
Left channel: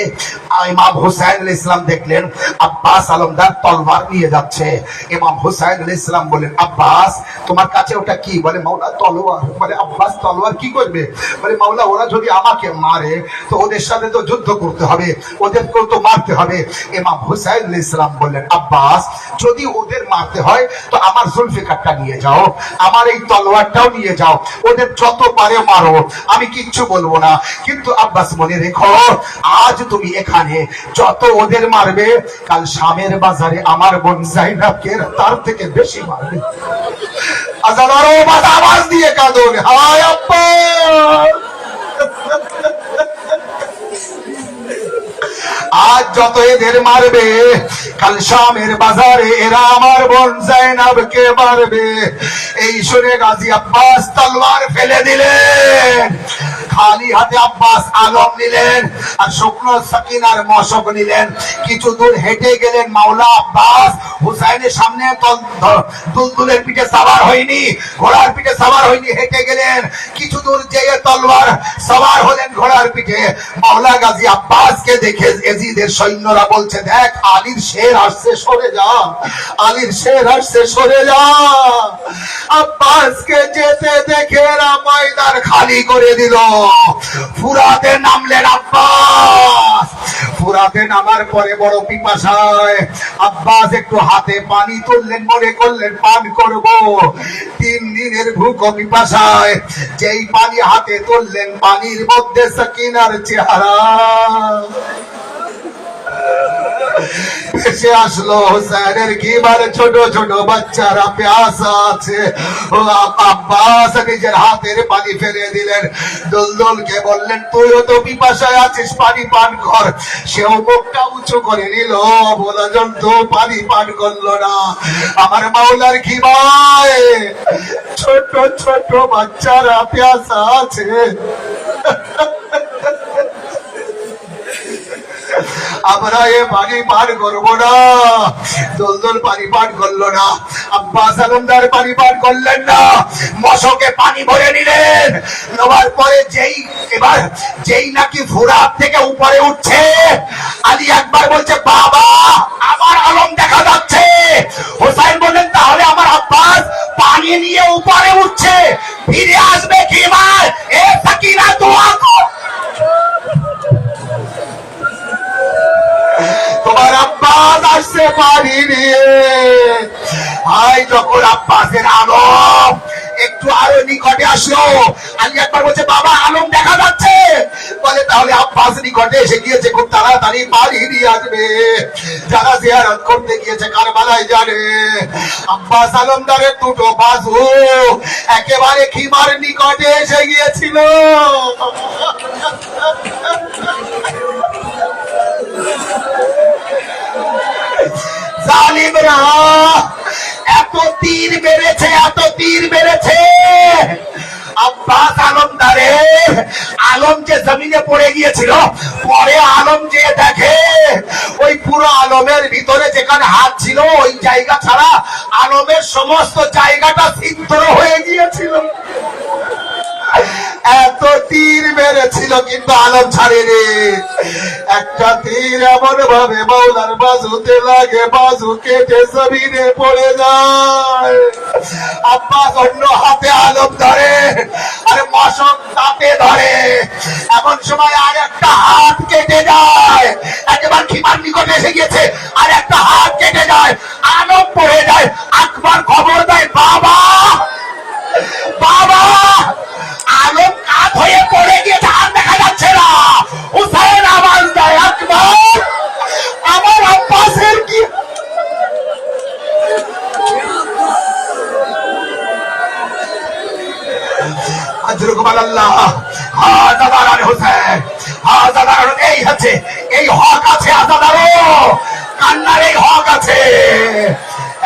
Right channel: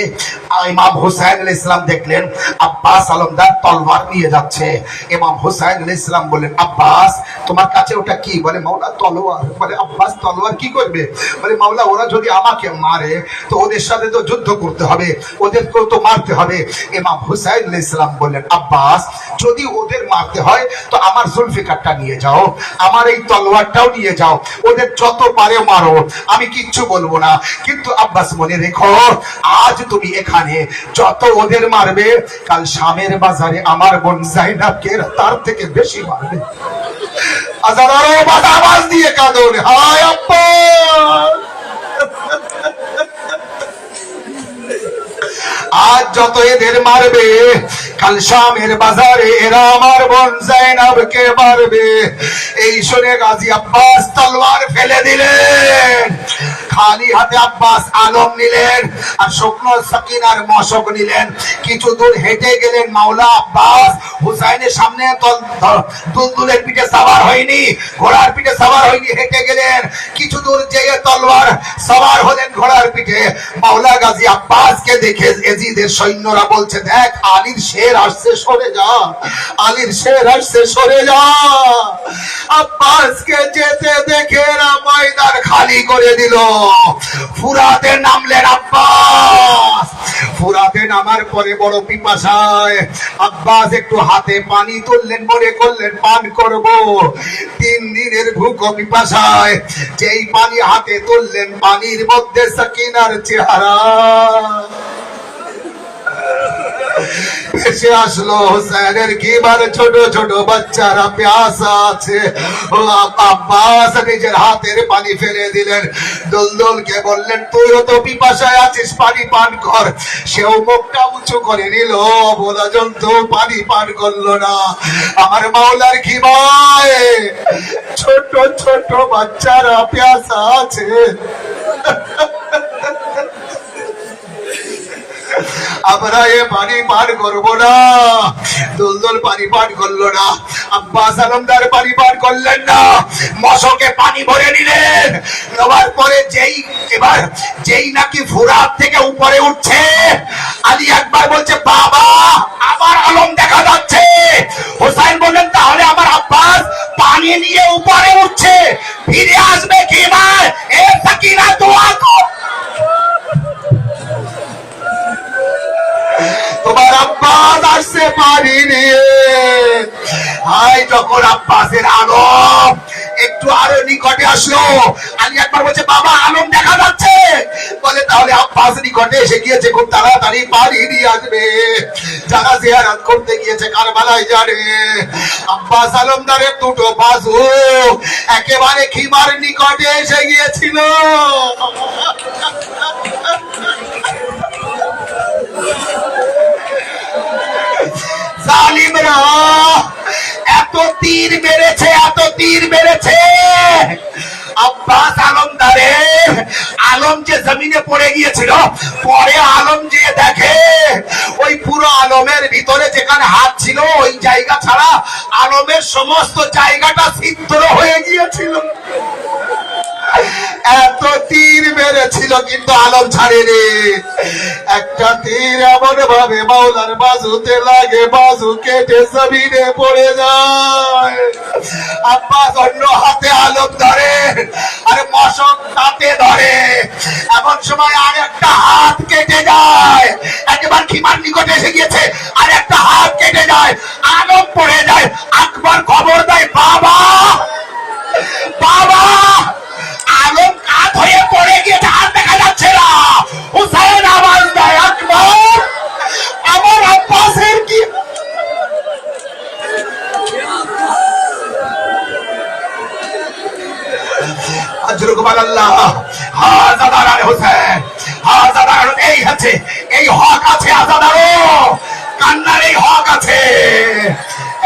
ইমাম হুসাইন আলাইহিস সালাম দেখলেন আব্বাস আলমদার তলোয়ার নিয়ে যাচ্ছে। ইমাম হুসাইন আলাইহিস সালাম বলেন, আব্বাস তোমার কাছে ওটা কি? বলে মাওলা তলোয়ার। বলে আব্বাস তলোয়ার কি করবে? বলে মাওলা ওরা যদি আমাকে মারে তো ওদের সাথে তো যুদ্ধ করতে হবে, ওদেরকেও তো মারতে হবে। ইমাম হুসাইন আলাইহিস সালাম বললেন, আব্বাস যদি ওদের মারতে হয় তো আমার জুলফিকারটা নিয়ে যাও, আমার এই তলোয়ারটাও নিয়ে যাও, ওদের যত পারে মারো, আমি কিচ্ছু বলবো না। কিন্তু আব্বাস মনে রেখো, আজ তুমি এখানে যত ওদের মারবে, কাল শামের বাজারে আমার বোন জাইনাবকে তার থেকে বেশি মারবে। আওয়াজ দিয়ে কাঁদুন, হায় আব্বাস। আজ যত এদের মারবে, কাল শামের বাজারে এরা আমার বোন জাইনাবকে মারবে। এই শুনে গাজী আব্বাস তলোয়ার ফেলে দিলেন, খালি হাতে আব্বাস আলম নিলেন আর শুকনো সাকিনার মশক নিলেন। কিছু দূর হেঁটে গেলেন। মাওলা আব্বাস হুসাইনের সামনে দুলদুলের পিঠে সাওয়ার হয়নি, ঘোড়ার পিঠে সাওয়ার হয়নি, হেঁটে গেলেন। কিছু দূর যেয়ে তলোয়ার সাওয়ার হলেন ঘোড়ার পিঠে। মাওলা গাজী আব্বাসকে দেখে এজিদের সৈন্যরা বলছে, দেখ আলীর শের আসছে, সরে যা, আলীর শের আসছে, সরে যা। আব্বাসকে যেতে দেখে এরা ময়দান খালি করে দিল। ফুরাতে নামলেন আব্বাস। ফুরাতে নামার পরে বড় পিপাসায় আব্বাস একটু হাতে পানি তুললেন, মনে করলেন পান করব। 3 দিনের ভুক পিপাসায় যেই পানি হাতে তুললেন, পানির মধ্যে সাকিনার চেহারা এসে আসলো। হুসাইনের কিবার ছোট ছোট বাচ্চারা প্যাসা আছে। আব্বাস নিজের হাতের পানি ফেলে দিলেন। দুলদুলকে বললেন, তুইও তো পিপাসায় আছিস, পানি পান কর। সেও মুখটা উঁচু করে নিল, বলা জন্তু পানি পান করলো না। আমার মাওলার খিমায় ছোট ছোট বাচ্চারা প্যাসা আছে। আমরা এ পানি পান করবো না। দুলদুল পানি পান করলো না, আব্বাস আলমদার পানি পান করলেন না। মশকে পানি ভরে নিলেন। নেওয়ার পরে যেই নাকি ফুরাত থেকে উপরে উঠছে, আলী একবার বলছে, বাবা আমার আলম দেখা যাচ্ছে। হোসাইন বললেন, তাহলে আমার আব্বাস পানি নিয়ে উপরে উঠছে, ফিরে আসবে কি ভাই? এ সাকিনা দোয়া কর, তোমার আব্বাস আসছে পানি নিয়ে। ভাই যখন আব্বাসের আলম একটু আরো নিকটে আসলো, আলী আকবর বলছে বাবা আলম দেখা যাচ্ছে, বলে তাহলে আব্বাস নিকটে এসে গিয়েছে, খুব তাড়াতাড়ি পানি নিয়ে আসবে। যারা জিয়ারত করতে গিয়েছে কারবালায় জানে, আব্বাস আলমদারের দুটো বাজু একেবারে খিমার নিকটে এসে গিয়েছিল। জালিমরা এত তীর মেরেছে, এত তীর মেরেছে, আব্বাস আলমদারের আলম যে জমিনে পড়ে গিয়েছিল, পরে আলম যে দেখে ওই পুরো আলমের ভিতরে যেখানে হাত ছিল ওই জায়গা ছাড়া আলমের সমস্ত জায়গাটা ছিদ্র হয়ে গিয়েছিল। এত তীর মেরেছিল কিন্তু আলম ছাড়েনি। একটা তীর এমন ভাবে মাওলার বাজুতে লাগে, বাজু কেটে জমিনে পড়ে যায়। আব্বাস অন্য হাতে আলম ধরে, আরে মশক তাতে ধরে, এমন সময় আর একটা হাত কেটে যায়, একেবারে খিমার নিকটে এসে গিয়েছে, আর একটা হাত কেটে যায়, আলম পড়ে যায়। আকবর খবর দেয় বাবা, বাবা আলম কাত হয়ে পড়ে গিয়েছে, আর দেখা যাচ্ছে না। হুসাইন আওয়াজ দেয় আকবর আমার আব্বাসের কি? এই আছে, এই হক আছে আজাদারও, কান্নার এই হক আছে।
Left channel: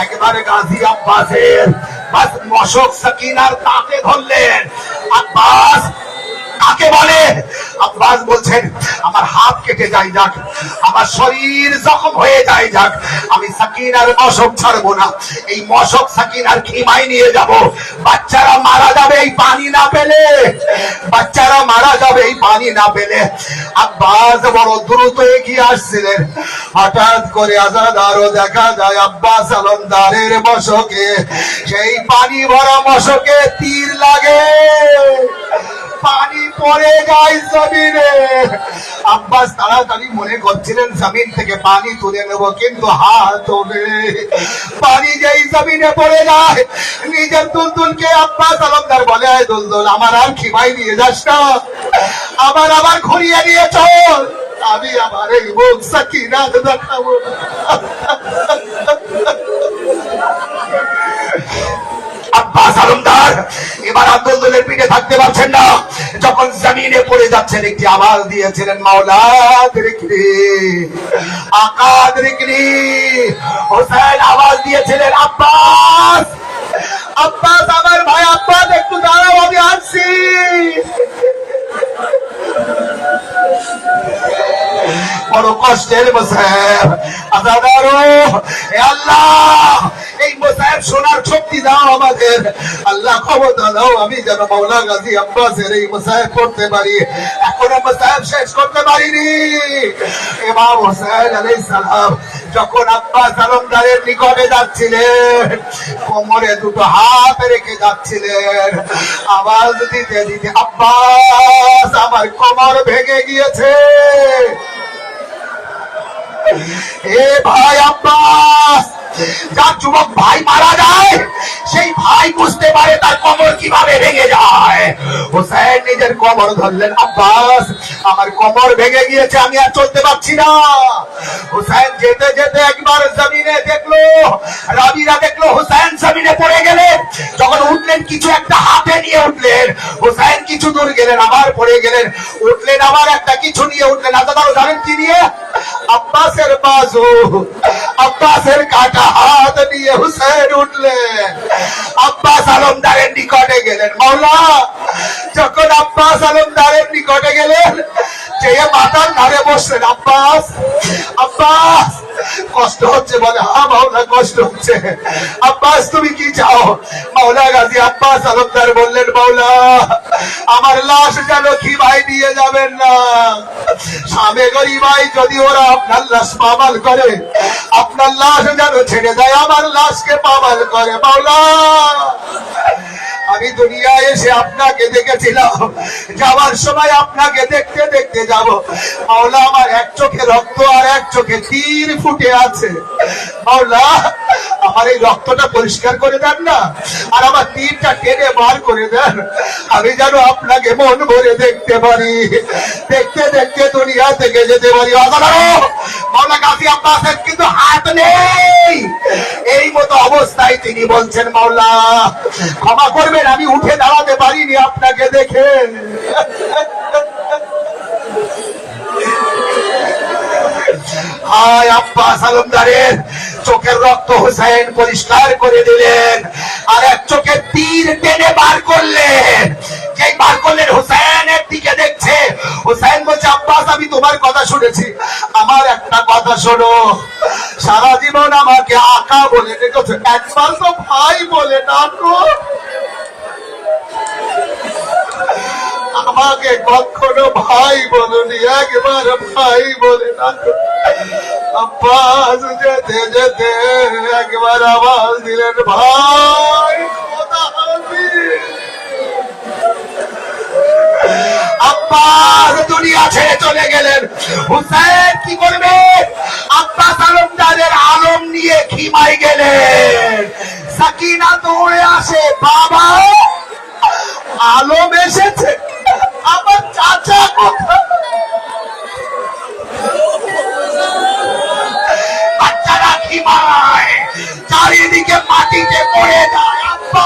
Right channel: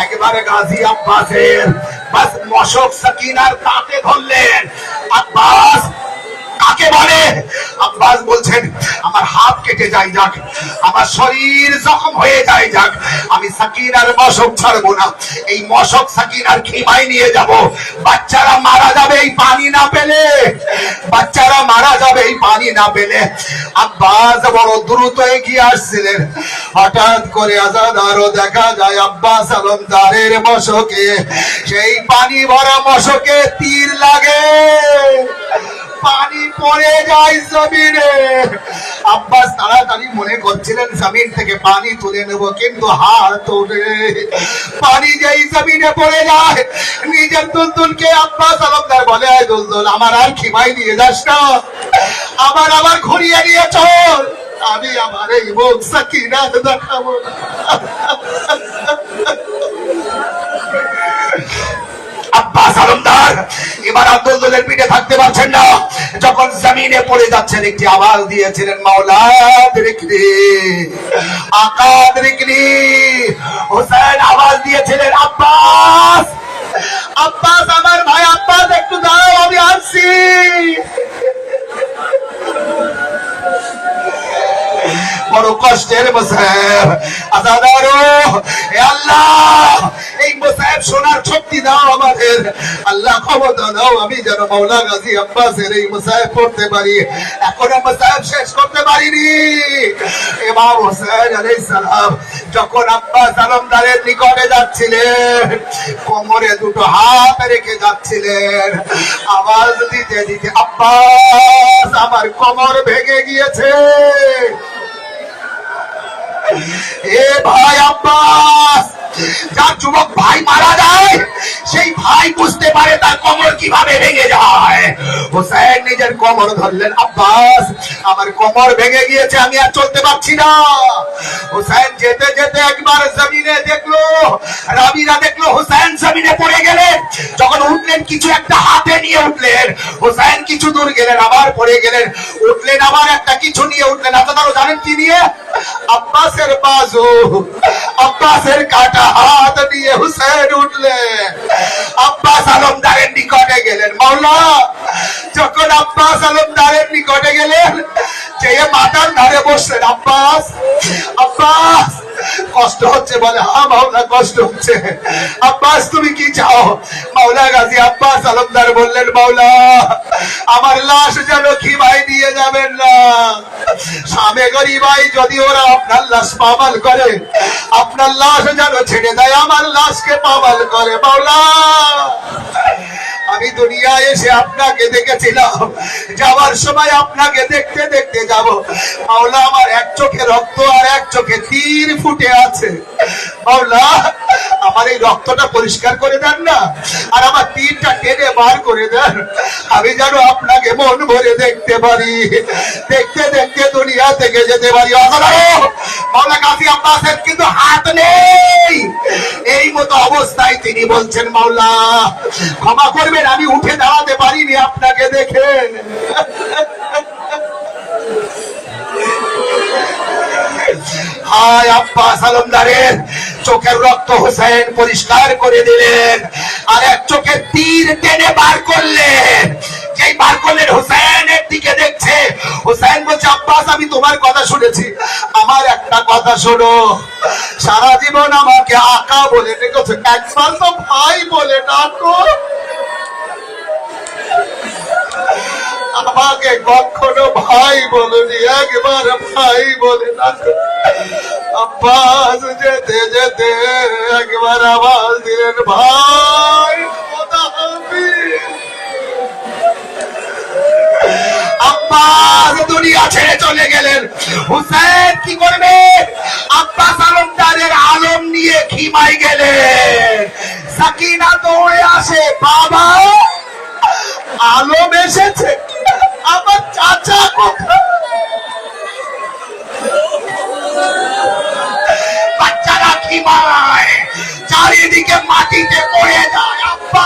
একেবারে গাজী আব্বাসের বাস মশক সাকিনার তাতে ধরলেন। আব্বাস কাকে বলে? আব্বাস বলছেন আমার হাত কেটে যাই যাক, আমার শরীর জখম হয়ে যায় যাক, আমি সাকিনার মশক ছাড়বো না। এই মশক সাকিনার খিমায় নিয়ে যাব, বাচ্চারা মারা যাবে এই পানি না পেলে, বাচ্চারা মারা যাবে এই পানি না পেলে। আব্বাস বড় দ্রুত এগিয়ে আসছিলেন, হঠাৎ করে আজাদারও দেখা যায় আব্বাস আলমদারের মশকে, সেই পানি ভরা মশকে তীর লাগে, পানি পড়ে যায় জমিনে। আব্বাস তাড়াতাড়ি মনে করছিলেন জমিন থেকে পানি তুলে নেব, কিন্তু হাত তোলে, পানি যেই জমিনে পড়ে যায়, নিজের দুলদুলকে আব্বাস আলমদার বলে দুলদুল আমার আর খিমাই নিয়ে যাস না, আবার ঘুরিয়ে নিয়ে চল, আমি আমার এই মুখ সাকিনা দেখাবো। আব্বাস আলমদার এবার আব্দুলের পিঠে থাকতে পারছেন না, যখন জমিনে পড়ে যাচ্ছেন একটি আওয়াজ দিয়েছিলেন মাওলা দিরিকনি, আকা দিরিকনি। হোসেন আওয়াজ দিয়েছিলেন আব্বাস, আব্বাস আমার ভাই, আব্বাস একটু দাঁড়াও আমি আসছি। বড় কষ্টের মুসাইব আজাদারো, এ আল্লাহ এই মুসাইব শোনার শক্তি দাও আমাদের, আল্লাহ খবর দাও আমি যেন মাওলা গাজী আব্বাসের এই মুসাইব করতে পারি। এখনো মুসাইব শেষ করতে পারিনি। ইমাম হোসেন আলাইহিস সালাম যখন আব্বাস আলমদারের নিকটে যাচ্ছিলেন, কোমরে দুটো হাত রেখে যাচ্ছিলেন, আওয়াজ দিতে দিতে আব্বাস আমার কোমর ভেঙে গিয়েছে। এ ভাই আব্বাস, যার যুবক ভাই মারা যায় সেই ভাই বুঝতে পারে তার কোমর কিভাবে ভেঙে যায়। হোসেন নিজের কোমর ধরলেন, আব্বাস আমার কোমর ভেঙে গিয়েছে, আমি আর চলতে পারছি না। হোসেন যেতে যেতে একবার জমিনে দেখলো, রাবিরা দেখলো হোসেন জমিনে পড়ে গেলেন, যখন উঠলেন কিছু একটা হাতে নিয়ে উঠলেন, হোসেন কিছু দূর গেলেন আবার পড়ে গেলেন, উঠলেন আবার একটা কিছু নিয়ে উঠলেন। আপনারা জানেন কি নিয়ে? আব্বাসের বাজু, আব্বাসের কাটা হাত নিয়ে হুসেন উঠলেন, আব্বাস আলমদারের নিকটে গেলেন। মাওলা যখন আব্বাস আলমদারের নিকটে গেলেন, যে মাথার ধারে বসলেন, আব্বাস আব্বাস কষ্ট হচ্ছে, বলে হ্যাঁ মাওলা কষ্ট হচ্ছে। আব্বাস তুমি কি চাও? মাওলা গাজী আব্বাস আলমদার বললেন, মাওলা আমার লাশ যেন খিমাই নিয়ে যাবেন না, সামে গরিবাই যদি ওরা আপনার লাশ পামাল করে, আপনার লাশ যেন ছেড়ে দেয়, আমার লাশকে পামাল করে। মাওলা আমি দুনিয়ায় এসে আপনাকে দেখেছিলাম, যাওয়ার সময় আপনাকে দেখতে দেখতে যাব। মাওলা, আমার এক চোখে রক্ত আর এক চোখে তীর ফুটে আছে। মাওলা, আমার এই রক্তটা পরিষ্কার করে দেন না, আর আমার তীরটা টেনে বার করে দেন, আমি যেন আপনাকে মন ভরে দেখতে পারি, দেখতে দেখতে দুনিয়া থেকে যেতে পারি। মাওলা গাজী আব্বাসের কিন্তু হাত নেই। এই মতো অবস্থায় তিনি বলছেন, মাওলা ক্ষমা করবেন, আমি উঠে দাঁড়াতে পারিনি আপনাকে দেখে। আব্বাস আলমদারের চোখের রক্ত হোসেন পরিষ্কার করে দিলেন, আর এক চোখে তীর টেনে বার করলেন। যেই বার করলেন, হোসেনের দিকে দেখছে। হোসেন বলছে, আব্বাস আমি তোমার কথা শুনেছি, আমার একটা কথা শোনো, সারা জীবন আমাকে আকা বলে রেখেছো, একবার তো ভাই বলে ডাকো। আমাকে কখনো ভাই বলনি, একবার ভাই বলে ডাকো। আব্বাস যেতে যেতে একবার আওয়াজ দিলেন, ভাই খোদা হাফেজ। আব্বাস দুনিয়া ছেড়ে চলে গেলেন। হুসেন কি করবে? আব্বাস আলমদারের আলম নিয়ে খিমায় গেলেন। সাকিনা দৌড়ে আসে, বাবা আলম এসেছে, আমার চাচা কোথায়? বাচ্চারা খিমায়, চারিদিকে মাটিতে পড়ে যায়। আব্বা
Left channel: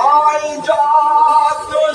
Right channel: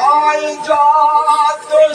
I got the